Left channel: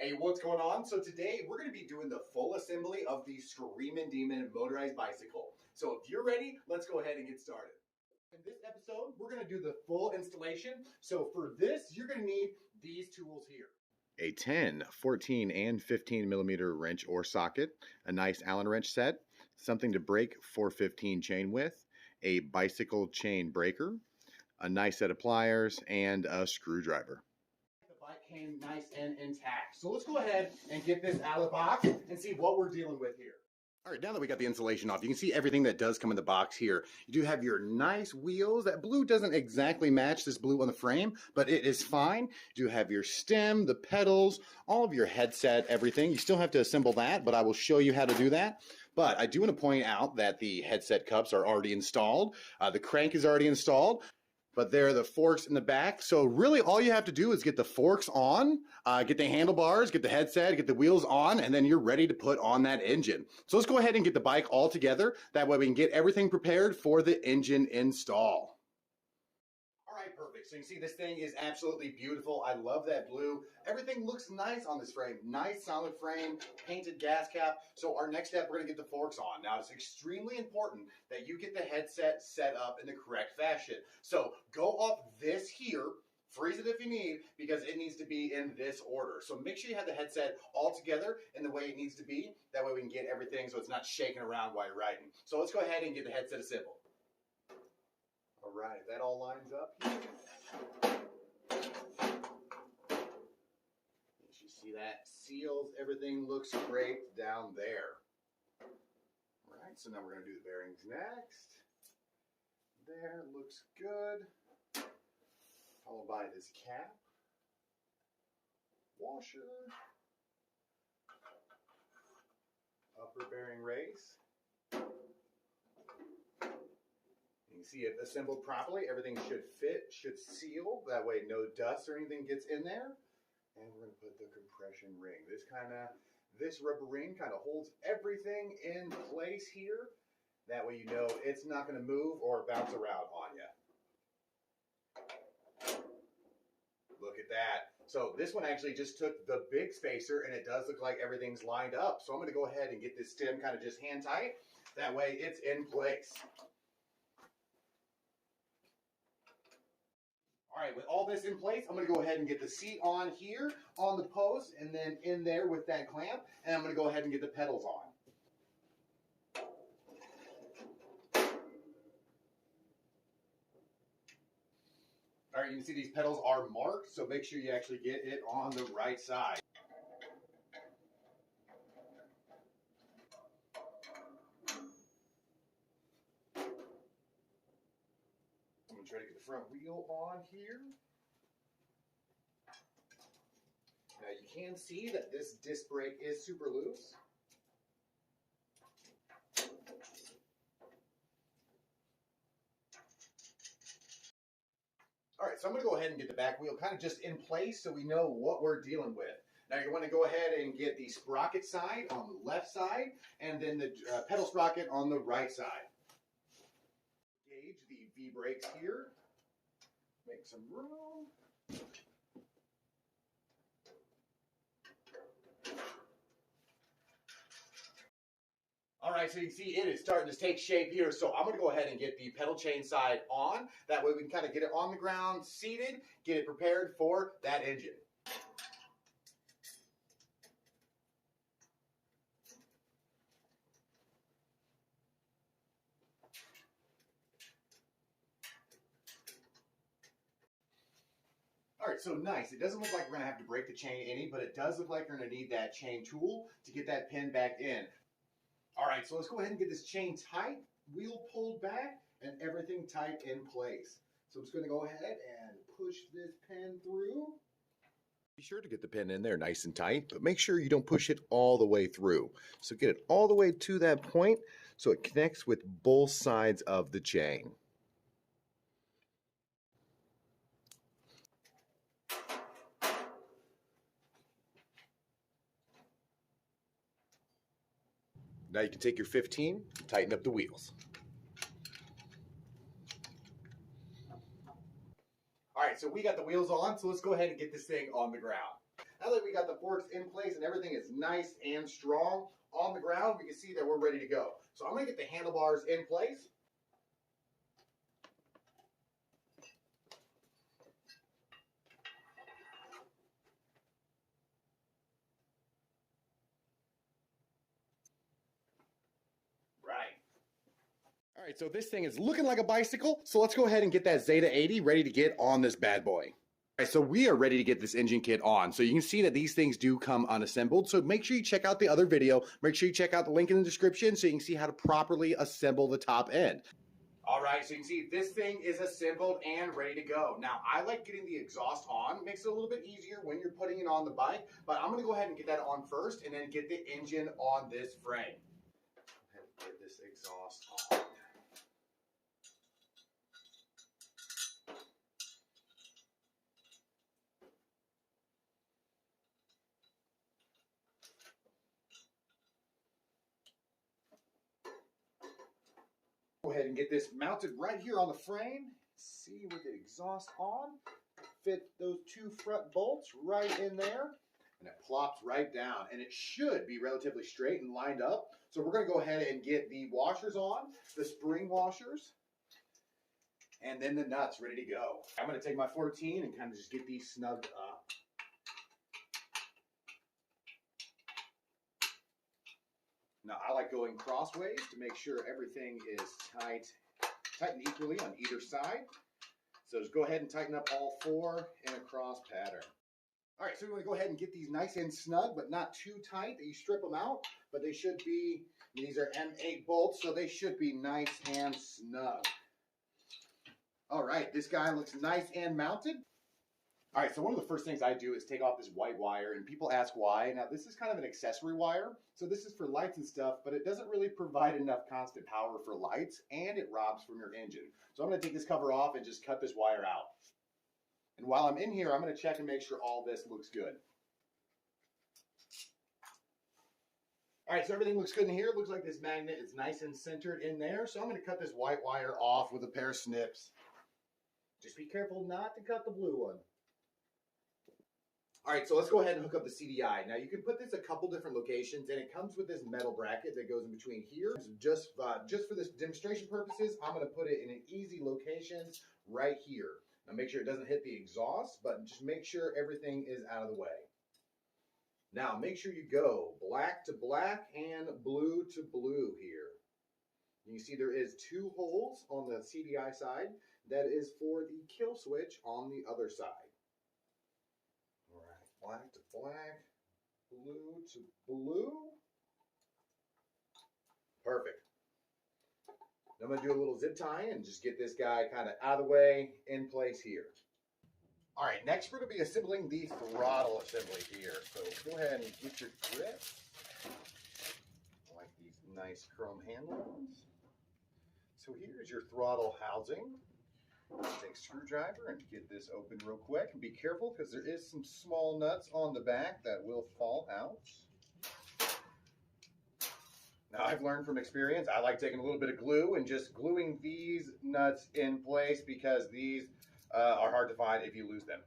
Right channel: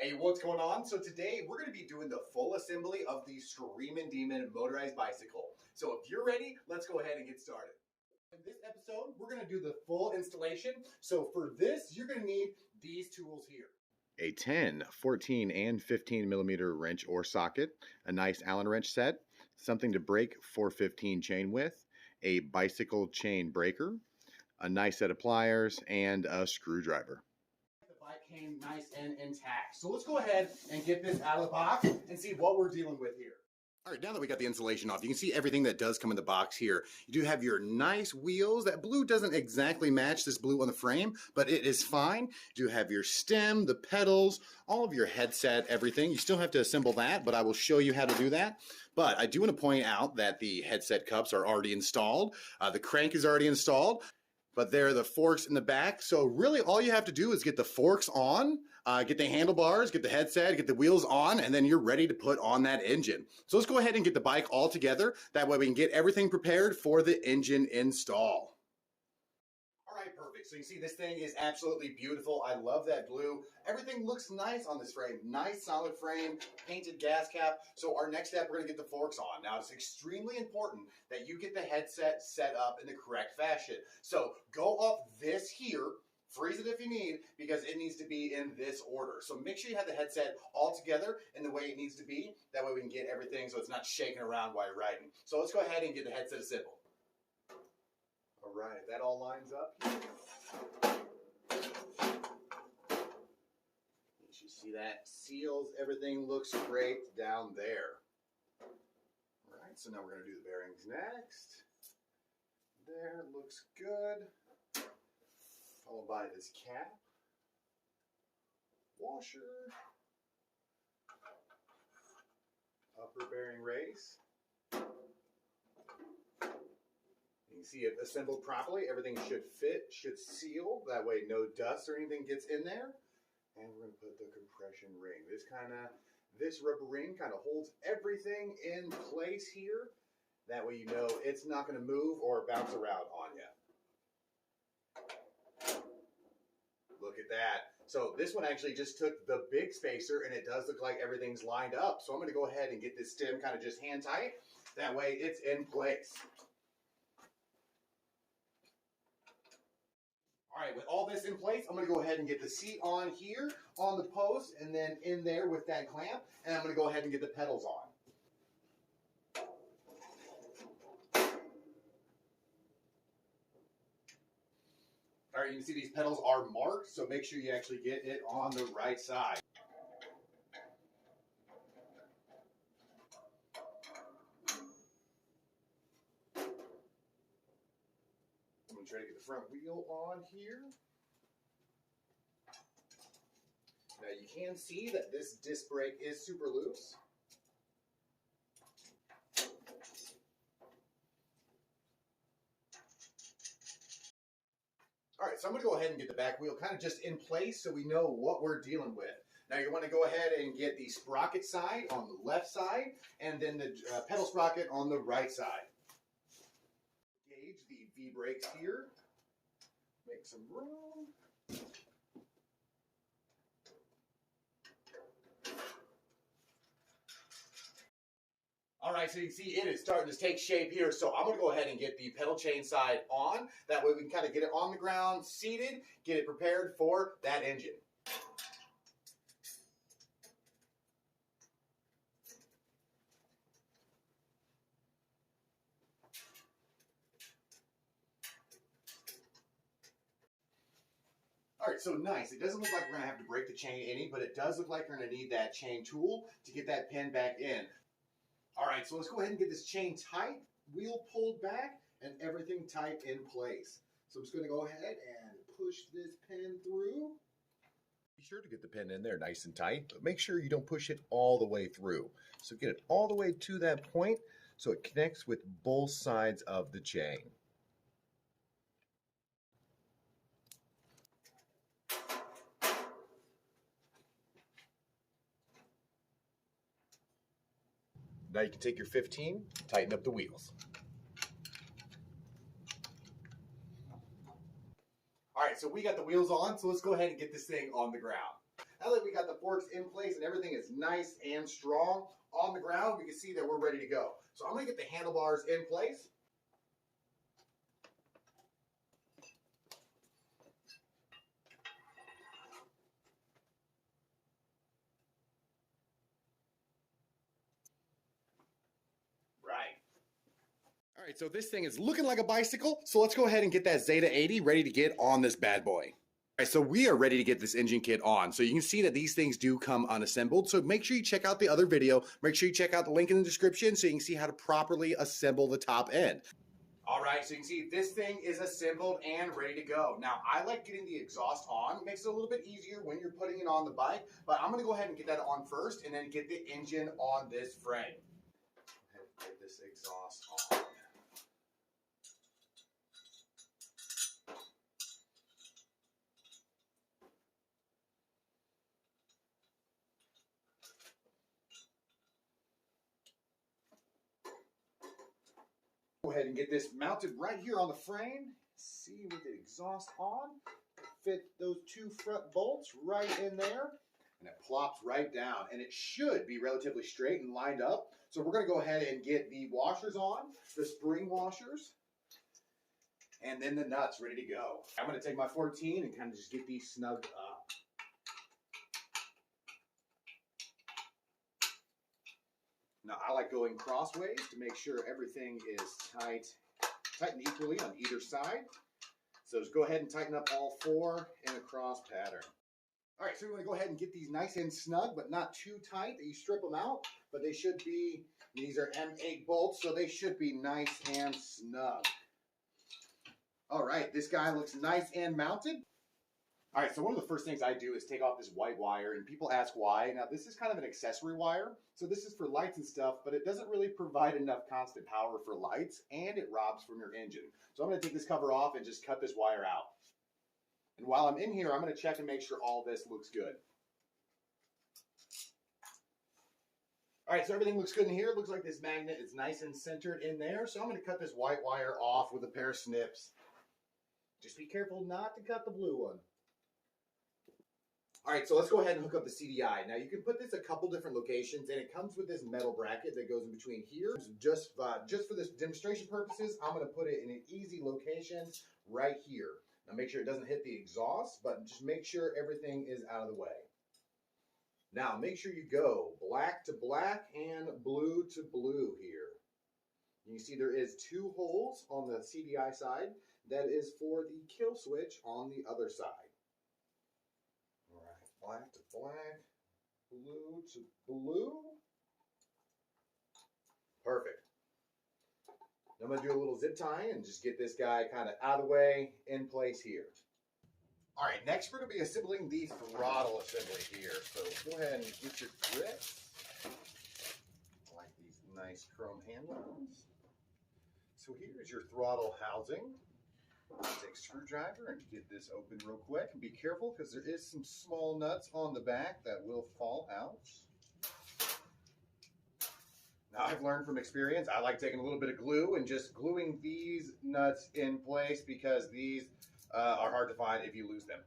Hey, what's going on? So today we're going to be doing the full assembly of the Screamin' Demon motorized bicycle. So if you're ready, let's go ahead and get started. In this episode, we're going to do the full installation. So for this, you're going to need these tools here. A 10, 14, and 15 millimeter wrench or socket, a nice Allen wrench set, something to break 415 chain with, a bicycle chain breaker, a nice set of pliers, and a screwdriver. The bike came nice and intact. So let's go ahead and get this out of the box and see what we're dealing with here. All right, now that we got the insulation off, you can see everything that does come in the box here. You do have your nice wheels. That blue doesn't exactly match this blue on the frame, but it is fine. You do have your stem, the pedals, all of your headset, everything. You still have to assemble that, but I will show you how to do that. But I do want to point out that the headset cups are already installed. The crank is already installed, but there are the forks in the back. So really all you have to do is get the forks on, get the handlebars, get the headset, get the wheels on, and then you're ready to put on that engine. So let's go ahead and get the bike all together. That way we can get everything prepared for the engine install. All right, perfect. So you can see this thing is absolutely beautiful. I love that blue. Everything looks nice on this frame. Nice solid frame, painted gas cap. So our next step, we're going to get the forks on. Now it's extremely important that you get the headset set up in the correct fashion. So go up this here. Freeze it if you need, because it needs to be in this order. So make sure you have the headset all together in the way it needs to be. That way we can get everything so it's not shaking around while you're riding. So let's go ahead and get the headset assembled. All right, that all lines up here. You see that seals, everything looks great down there. All right, so now we're going to do the bearings next. There, looks good. Followed by this cap, washer, upper bearing race. You can see it assembled properly. Everything should fit, should seal. That way no dust or anything gets in there. And we're going to put the compression ring. This rubber ring kind of holds everything in place here. That way you know it's not going to move or bounce around on you. Look at that. So this one actually just took the big spacer, and it does look like everything's lined up. So I'm going to go ahead and get this stem kind of just hand tight. That way it's in place. All right, with all this in place, I'm going to go ahead and get the seat on here on the post, and then in there with that clamp, and I'm going to go ahead and get the pedals on. All right, you can see these pedals are marked, so make sure you actually get it on the right side. I'm going to try to get the front wheel on here. Now you can see that this disc brake is super loose. All right, so I'm going to go ahead and get the back wheel kind of just in place so we know what we're dealing with. Now you want to go ahead and get the sprocket side on the left side and then the pedal sprocket on the right side. Gauge the V-brakes here. Make some room. All right, so you can see it is starting to take shape here. So I'm going to go ahead and get the pedal chain side on. That way we can kind of get it on the ground, seated, get it prepared for that engine. All right, so nice. It doesn't look like we're going to have to break the chain any, but it does look like we're going to need that chain tool to get that pin back in. All right, so let's go ahead and get this chain tight, wheel pulled back, and everything tight in place. So I'm just going to go ahead and push this pin through. Be sure to get the pin in there nice and tight, but make sure you don't push it all the way through. So get it all the way to that point so it connects with both sides of the chain. Now you can take your 15, tighten up the wheels. All right, so we got the wheels on, so let's go ahead and get this thing on the ground. Now that we got the forks in place and everything is nice and strong on the ground, we can see that we're ready to go. So I'm going to get the handlebars in place. All right, so this thing is looking like a bicycle, so let's go ahead and get that Zeda 80 ready to get on this bad boy. All right, so we are ready to get this engine kit on. So you can see that these things do come unassembled, so make sure you check out the other video. Make sure you check out the link in the description so you can see how to properly assemble the top end. All right, so you can see this thing is assembled and ready to go. Now, I like getting the exhaust on. It makes it a little bit easier when you're putting it on the bike, but I'm gonna go ahead and get that on first and then get the engine on this frame. Go ahead and get this exhaust on. Go ahead and get this mounted right here on the frame. See, with the exhaust on, fit those two front bolts right in there, and it plops right down. And it should be relatively straight and lined up. So we're going to go ahead and get the washers on, the spring washers, and then the nuts ready to go. I'm going to take my 14 and kind of just get these snugged up. Now, I like going crossways to make sure everything is tightened equally on either side. So just go ahead and tighten up all four in a cross pattern. All right, so we want to go ahead and get these nice and snug, but not too tight that you strip them out. But they should be, these are M8 bolts, so they should be nice and snug. All right, this guy looks nice and mounted. All right, so one of the first things I do is take off this white wire, and people ask why. Now, this is kind of an accessory wire, so this is for lights and stuff, but it doesn't really provide enough constant power for lights, and it robs from your engine. So I'm going to take this cover off and just cut this wire out. And while I'm in here, I'm going to check and make sure all this looks good. All right, so everything looks good in here. It looks like this magnet is nice and centered in there, so I'm going to cut this white wire off with a pair of snips. Just be careful not to cut the blue one. All right, so let's go ahead and hook up the CDI. Now, you can put this a couple different locations, and it comes with this metal bracket that goes in between here. Just for this demonstration purposes, I'm going to put it in an easy location right here. Now, make sure it doesn't hit the exhaust, but just make sure everything is out of the way. Now, make sure you go black to black and blue to blue here. You can see there is two holes on the CDI side. That is for the kill switch on the other side. Black to black, blue to blue. Perfect. Now I'm going to do a little zip tie and just get this guy kind of out of the way, in place here. All right, next we're going to be assembling the throttle assembly here. So go ahead and get your grips. Like these nice chrome handles. So here's your throttle housing. Take a screwdriver and get this open real quick. And be careful because there is some small nuts on the back that will fall out. Now, I've learned from experience, I like taking a little bit of glue and just gluing these nuts in place because these are hard to find if you lose them.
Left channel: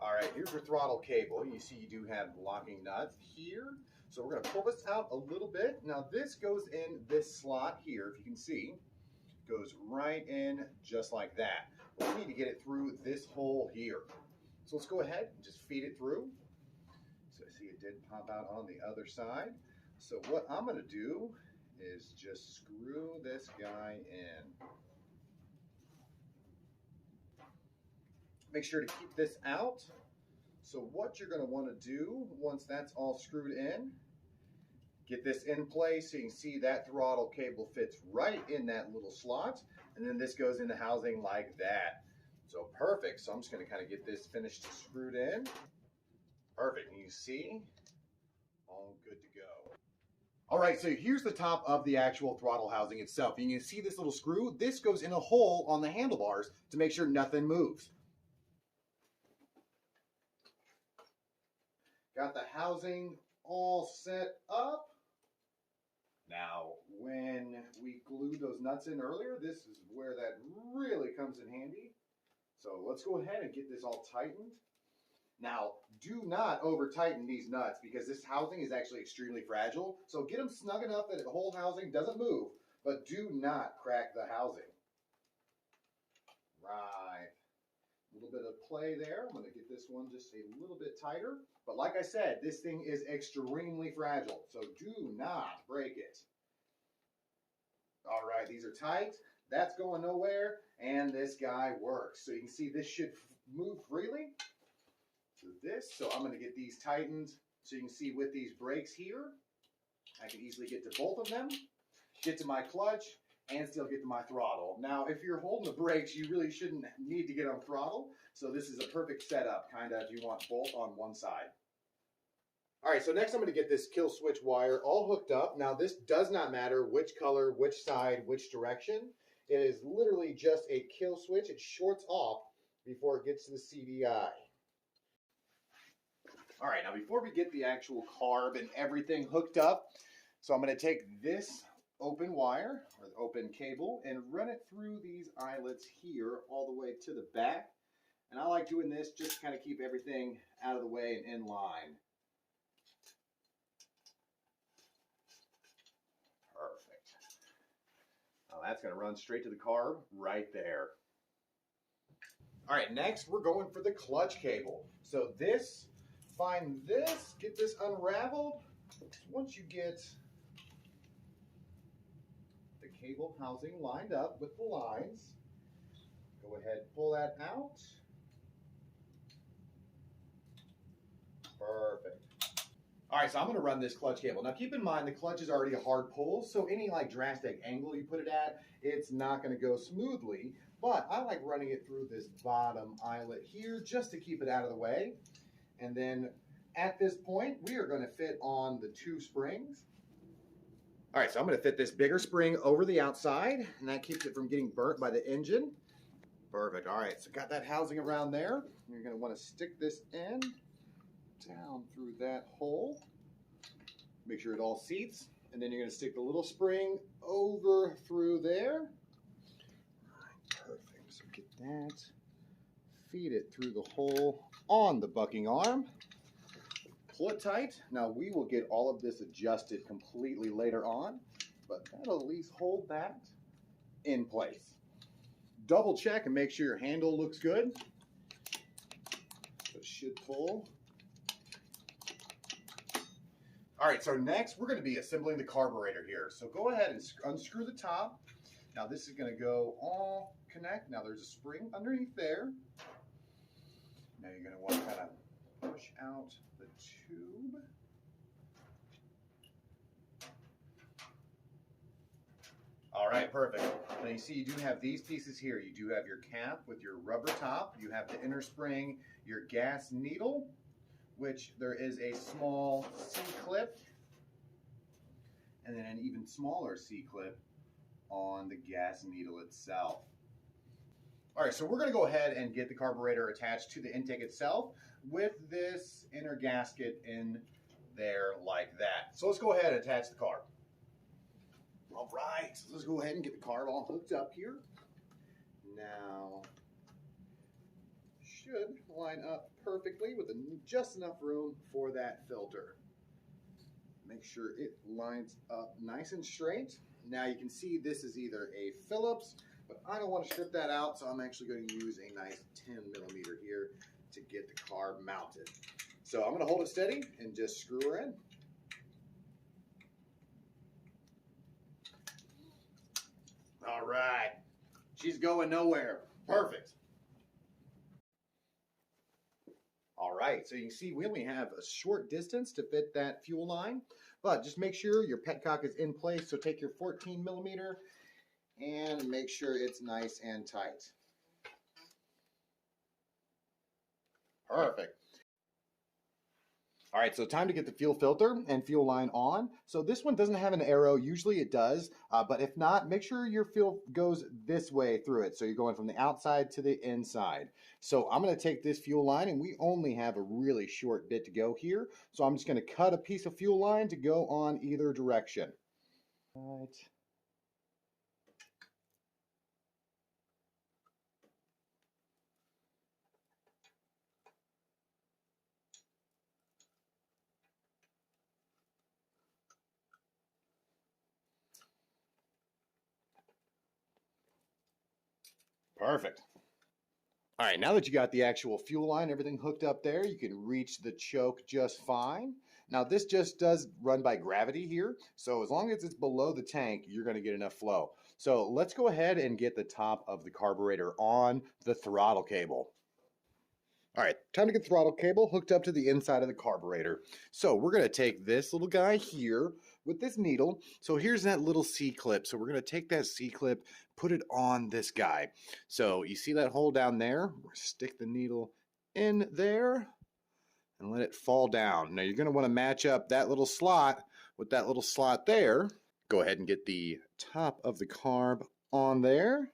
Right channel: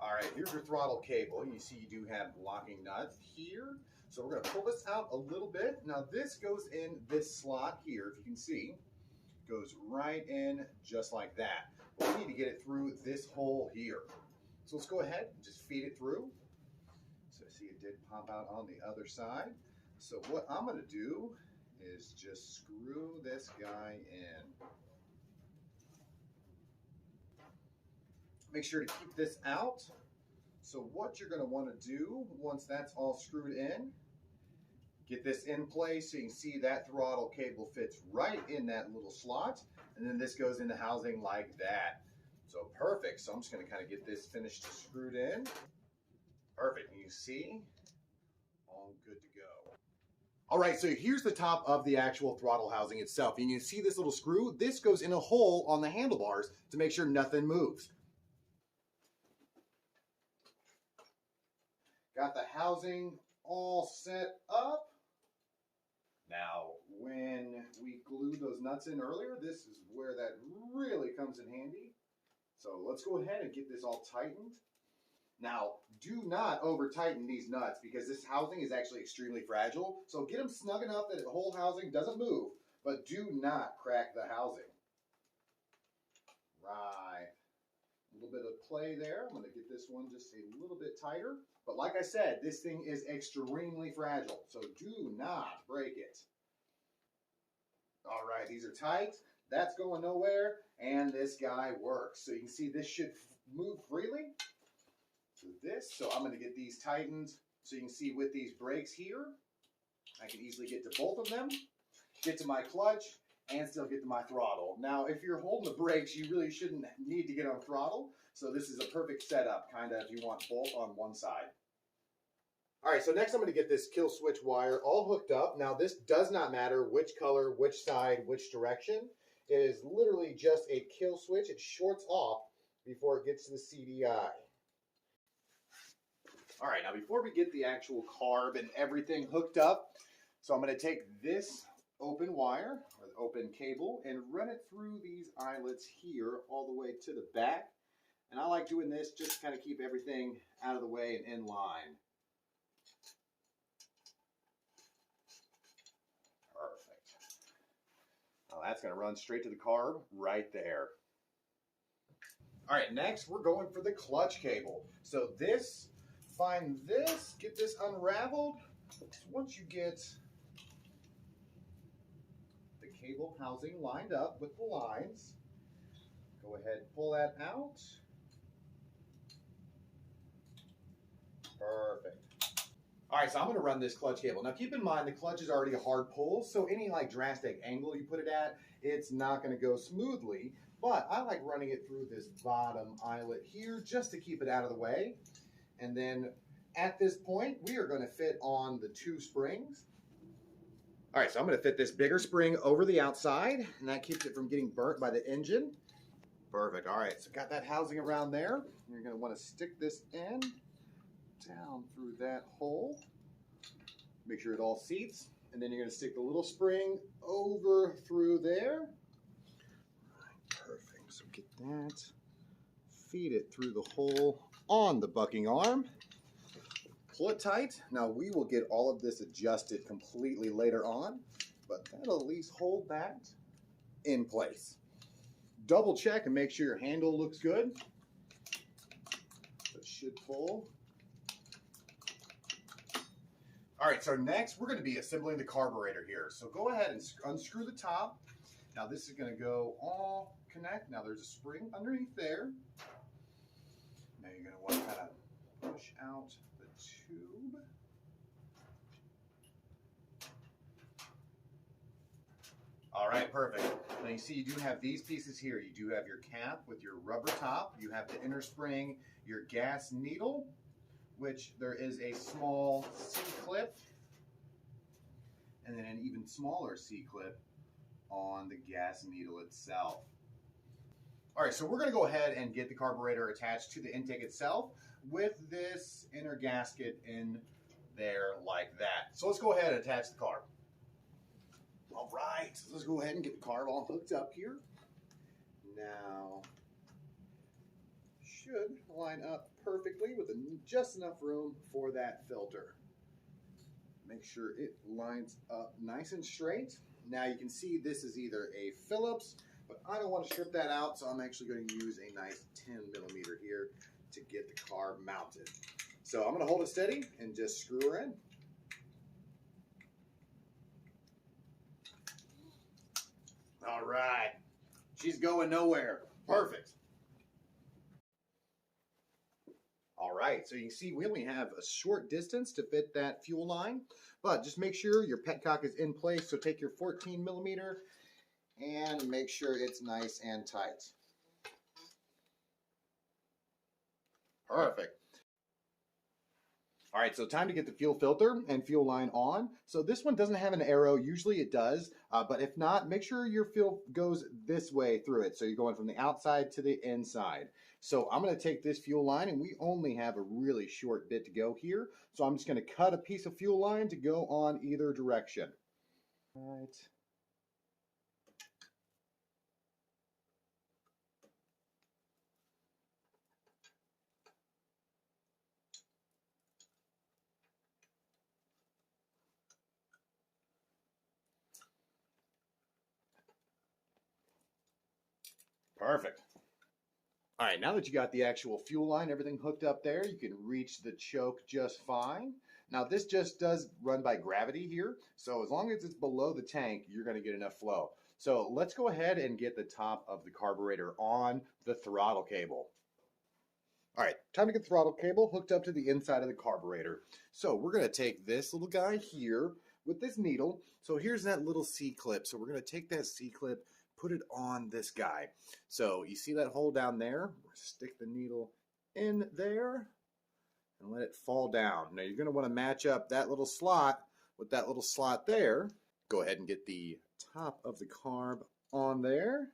All right, here's your throttle cable. You see you do have locking nuts here. So we're going to pull this out a little bit. Now, this goes in this slot here, if you can see. Goes right in just like that. But we need to get it through this hole here. So let's go ahead and just feed it through. So I see it did pop out on the other side. So what I'm going to do is just screw this guy in. Make sure to keep this out. So what you're going to want to do once that's all screwed in, get this in place so you can see that throttle cable fits right in that little slot. And then this goes in the housing like that. So perfect. So I'm just going to kind of get this finished screwed in. Perfect. And you see, all good to go. All right, so here's the top of the actual throttle housing itself. And you can see this little screw. This goes in a hole on the handlebars to make sure nothing moves. Got the housing all set up. Now, when we glued those nuts in earlier, this is where that really comes in handy. So let's go ahead and get this all tightened. Now, do not over tighten these nuts because this housing is actually extremely fragile. So get them snug enough that the whole housing doesn't move, but do not crack the housing. Right. A little bit of play there. I'm going to get this one just a little bit tighter. But like I said, this thing is extremely fragile, so do not break it. All right, these are tight. That's going nowhere, and this guy works. So you can see this should move freely. So I'm going to get these tightened so you can see with these brakes here, I can easily get to both of them, get to my clutch, and still get to my throttle. Now, if you're holding the brakes, you really shouldn't need to get on throttle. So this is a perfect setup, kind of, if you want both on one side. All right, so next I'm going to get this kill switch wire all hooked up. Now, this does not matter which color, which side, which direction. It is literally just a kill switch. It shorts off before it gets to the CDI. All right, now before we get the actual carb and everything hooked up, so I'm going to take this open wire or the open cable and run it through these eyelets here all the way to the back. And I like doing this just to kind of keep everything out of the way and in line. Perfect. Now that's going to run straight to the carb right there. All right, next we're going for the clutch cable. So this, find this, get this unraveled. Once you get the cable housing lined up with the lines, go ahead and pull that out. Perfect. All right, so I'm going to run this clutch cable. Now keep in mind the clutch is already a hard pull, so any like drastic angle you put it at, it's not going to go smoothly. But I like running it through this bottom eyelet here just to keep it out of the way. And then at this point, we are going to fit on the 2 springs. All right, so I'm going to fit this bigger spring over the outside, and that keeps it from getting burnt by the engine. Perfect. All right, so got that housing around there. You're going to want to stick this end down through that hole. Make sure it all seats, and then you're going to stick the little spring over through there. Perfect. So get that, feed it through the hole on the bucking arm. Pull it tight. Now we will get all of this adjusted completely later on, but that'll at least hold that in place. Double check and make sure your handle looks good. So it should pull. All right, so next we're going to be assembling the carburetor here. So go ahead and unscrew the top. Now this is going to go all connect. Now there's a spring underneath there. Now you're going to want to kind of push out the tube. All right, perfect. Now you see you do have these pieces here. You do have your cap with your rubber top. You have the inner spring, your gas needle, which there is a small C-clip, and then an even smaller C-clip on the gas needle itself. All right, so we're going to go ahead and get the carburetor attached to the intake itself with this inner gasket in there like that. So let's go ahead and attach the carb. All right, so let's go ahead and get the carb all hooked up here. Now, should line up perfectly with just enough room for that filter. Make sure it lines up nice and straight. Now you can see this is either a Phillips, but I don't want to strip that out, so I'm actually going to use a nice 10 millimeter here to get the carb mounted. So I'm going to hold it steady and just screw her in. All right, she's going nowhere. Perfect. All right, so you can see we only have a short distance to fit that fuel line, but just make sure your petcock is in place. So take your 14 millimeter and make sure it's nice and tight. Perfect. All right, so time to get the fuel filter and fuel line on. So this one doesn't have an arrow. Usually it does, but if not, make sure your fuel goes this way through it. So you're going from the outside to the inside. So I'm going to take this fuel line, and we only have a really short bit to go here. So I'm just going to cut a piece of fuel line to go on either direction. All right. Perfect. All right, now that you got the actual fuel line, everything hooked up there, you can reach the choke just fine. Now this just does run by gravity here, so as long as it's below the tank, you're going to get enough flow. So let's go ahead and get the top of the carburetor on the throttle cable. All right, time to get the throttle cable hooked up to the inside of the carburetor. So we're going to take this little guy here with this needle. So here's that little C-clip. So we're going to take that C-clip, put it on this guy. So you see that hole down there? Stick the needle in there and let it fall down. Now you're going to want to match up that little slot with that little slot there. Go ahead and get the top of the carb on there.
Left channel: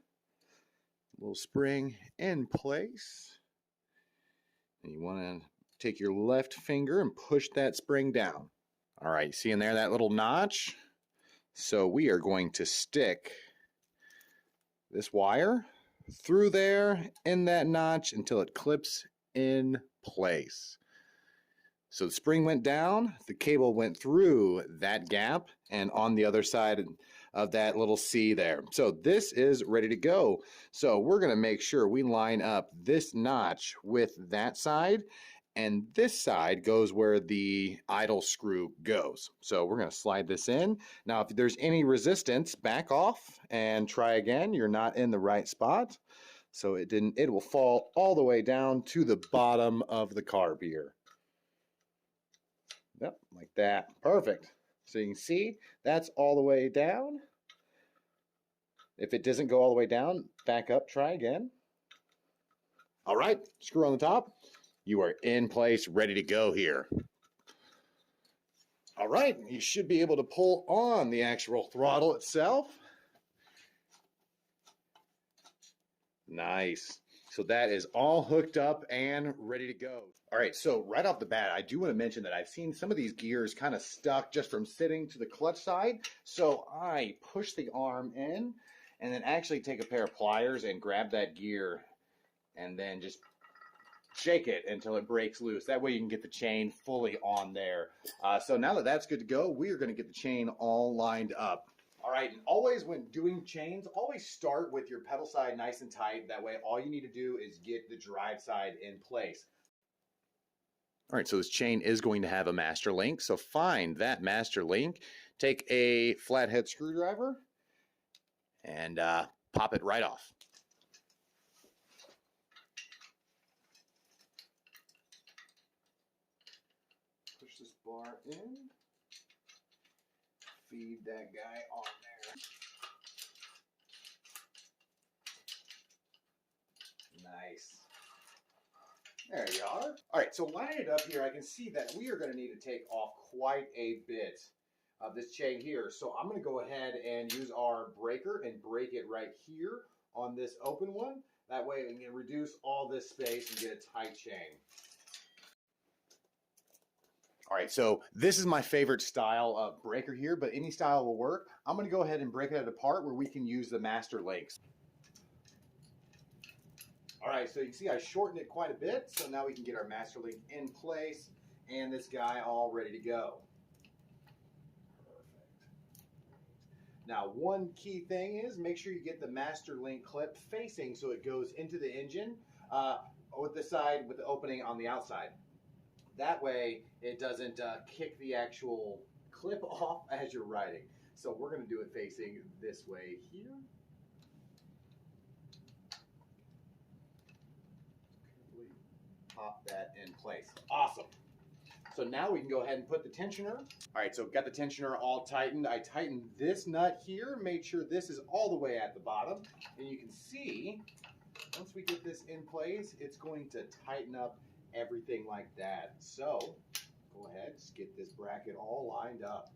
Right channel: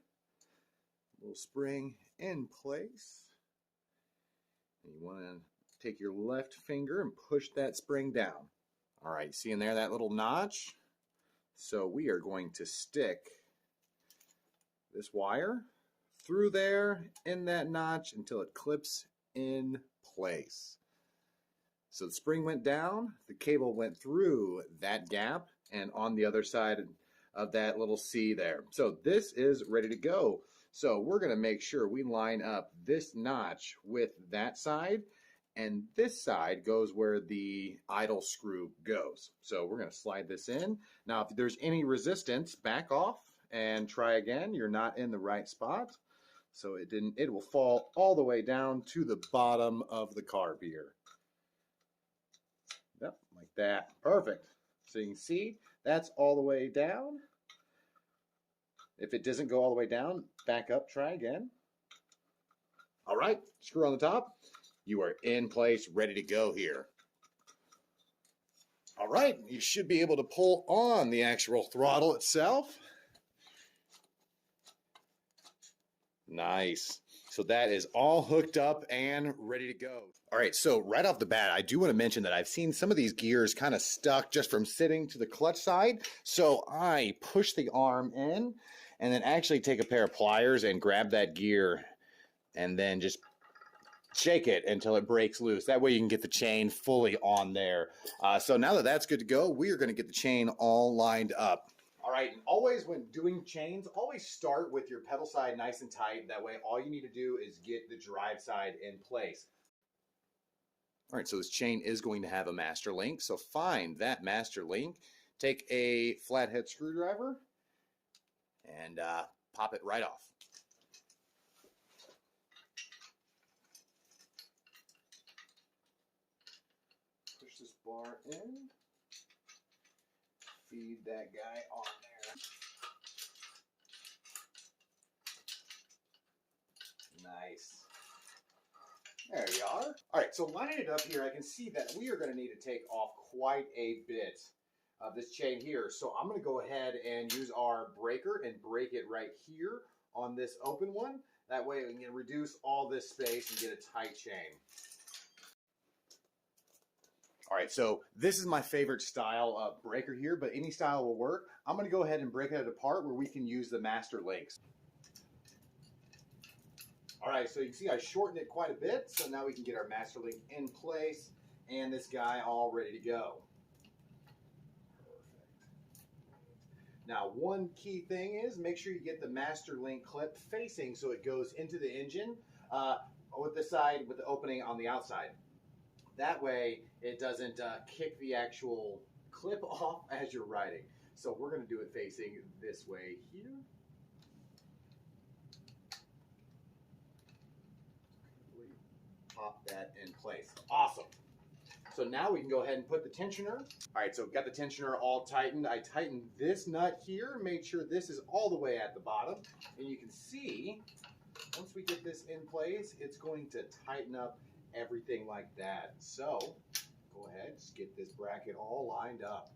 Little spring in place. And you want to take your left finger and push that spring down. All right, see in there that little notch? So we are going to stick this wire through there in that notch until it clips in place. So the spring went down, the cable went through that gap and on the other side of that little C there. So this is ready to go. So we're going to make sure we line up this notch with that side, and this side goes where the idle screw goes. So we're going to slide this in. Now if there's any resistance, back off and try again. You're not in the right spot. So it will fall all the way down to the bottom of the carb here. Yep, like that. Perfect. So you can see that's all the way down. If it doesn't go all the way down, back up, try again. All right, screw on the top. You are in place, ready to go here. All right, you should be able to pull on the actual throttle itself. Nice. So that is all hooked up and ready to go. All right, so right off the bat, I do want to mention that I've seen some of these gears kind of stuck just from sitting to the clutch side. So I push the arm in and then actually take a pair of pliers and grab that gear and then just shake it until it breaks loose. That way you can get the chain fully on there. So now that that's good to go, we are going to get the chain all lined up. All right, and always when doing chains, always start with your pedal side nice and tight. That way all you need to do is get the drive side in place. All right, so this chain is going to have a master link. So find that master link, take a flathead screwdriver, and pop it right off. Push this bar in. Feed that guy on there. Nice. There you are. All right, so lining it up here, I can see that we are going to need to take off quite a bit of this chain here. So I'm going to go ahead and use our breaker and break it right here on this open one. That way we can reduce all this space and get a tight chain. All right, so this is my favorite style of breaker here, but any style will work. I'm going to go ahead and break it apart where we can use the master links. All right, so you can see I shortened it quite a bit, so now we can get our master link in place and this guy all ready to go. Perfect. Now, one key thing is make sure you get the master link clip facing so it goes into the engine with the side with the opening on the outside. That way it doesn't kick the actual clip off as you're riding. So we're going to do it facing this way here. Pop that in place. Awesome. So now we can go ahead and put the tensioner. All right, so got the tensioner all tightened. I tightened this nut here, made sure this is all the way at the bottom. And you can see, once we get this in place, it's going to tighten up everything like that. So go ahead, just get this bracket all lined up.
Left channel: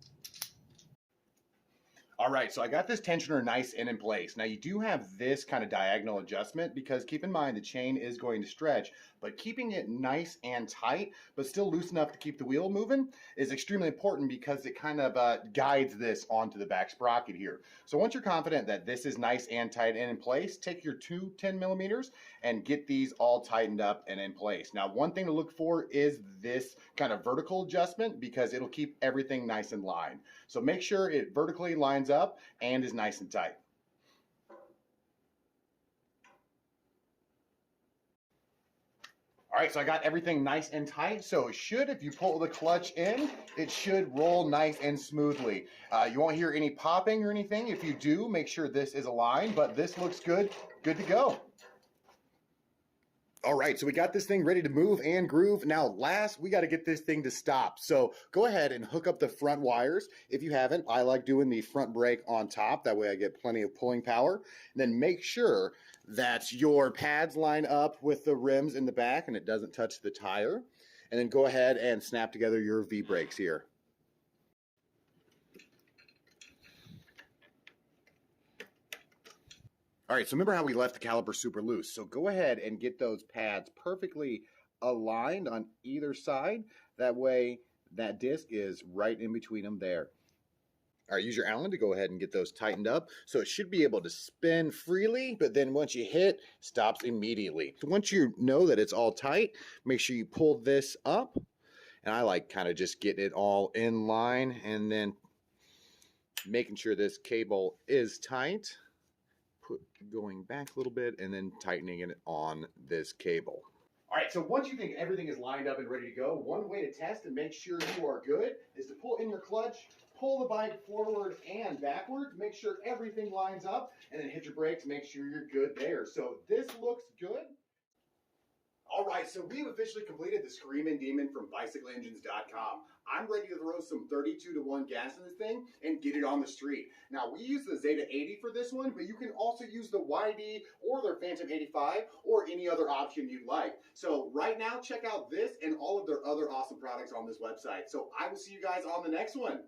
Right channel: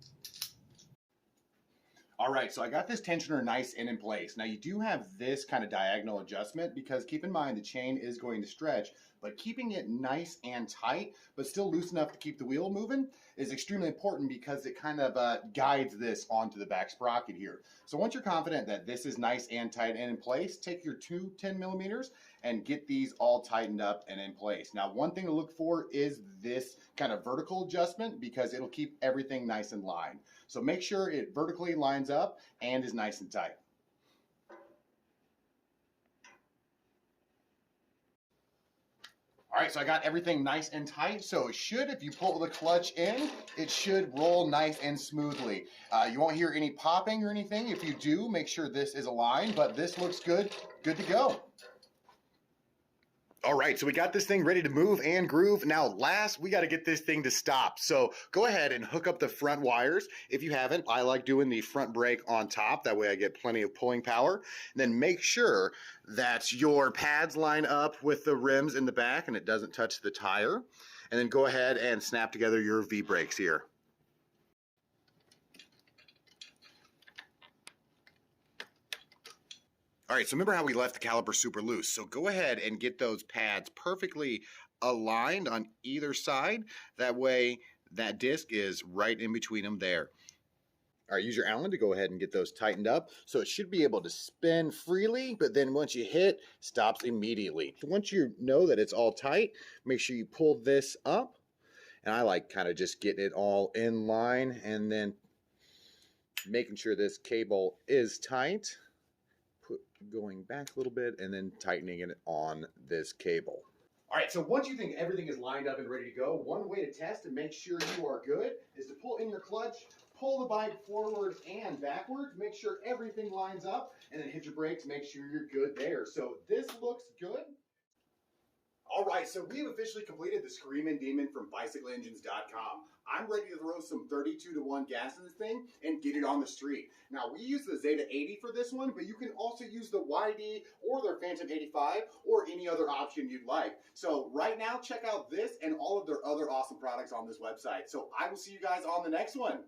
All right, so I got this tensioner nice and in place. Now you do have this kind of diagonal adjustment because keep in mind the chain is going to stretch, but keeping it nice and tight, but still loose enough to keep the wheel moving is extremely important because it kind of guides this onto the back sprocket here. So once you're confident that this is nice and tight and in place, take your two 10 millimeters and get these all tightened up and in place. Now, one thing to look for is this kind of vertical adjustment because it'll keep everything nice and lined. So make sure it vertically lines up and is nice and tight. All right, so I got everything nice and tight. So it should, if you pull the clutch in, it should roll nice and smoothly. You won't hear any popping or anything. If you do, make sure this is aligned, but this looks good to go. All right, so we got this thing ready to move and groove. Now, last, we got to get this thing to stop. So go ahead and hook up the front wires. If you haven't, I like doing the front brake on top. That way I get plenty of pulling power. And then make sure that your pads line up with the rims in the back and it doesn't touch the tire. And then go ahead and snap together your V-brakes here. All right, so remember how we left the caliper super loose. So go ahead and get those pads perfectly aligned on either side. That way that disc is right in between them there. All right, use your Allen to go ahead and get those tightened up. So it should be able to spin freely, but then once you hit, stops immediately. So once you know that it's all tight, make sure you pull this up. And I like kind of just getting it all in line and then making sure this cable is tight. Going back a little bit and then tightening it on this cable. All right, so once you think everything is lined up and ready to go, one way to test and make sure you are good is to pull in your clutch, pull the bike forward and backwards, make sure everything lines up, and then hit your brakes, make sure you're good there. So this looks good. All right, so we have officially completed the Screamin' Demon from BicycleEngines.com. I'm ready to throw some 32-to-1 gas in this thing and get it on the street. Now, we use the Zeda 80 for this one, but you can also use the YD or their Phantom 85 or any other option you'd like. So right now, check out this and all of their other awesome products on this website. So I will see you guys on the next one.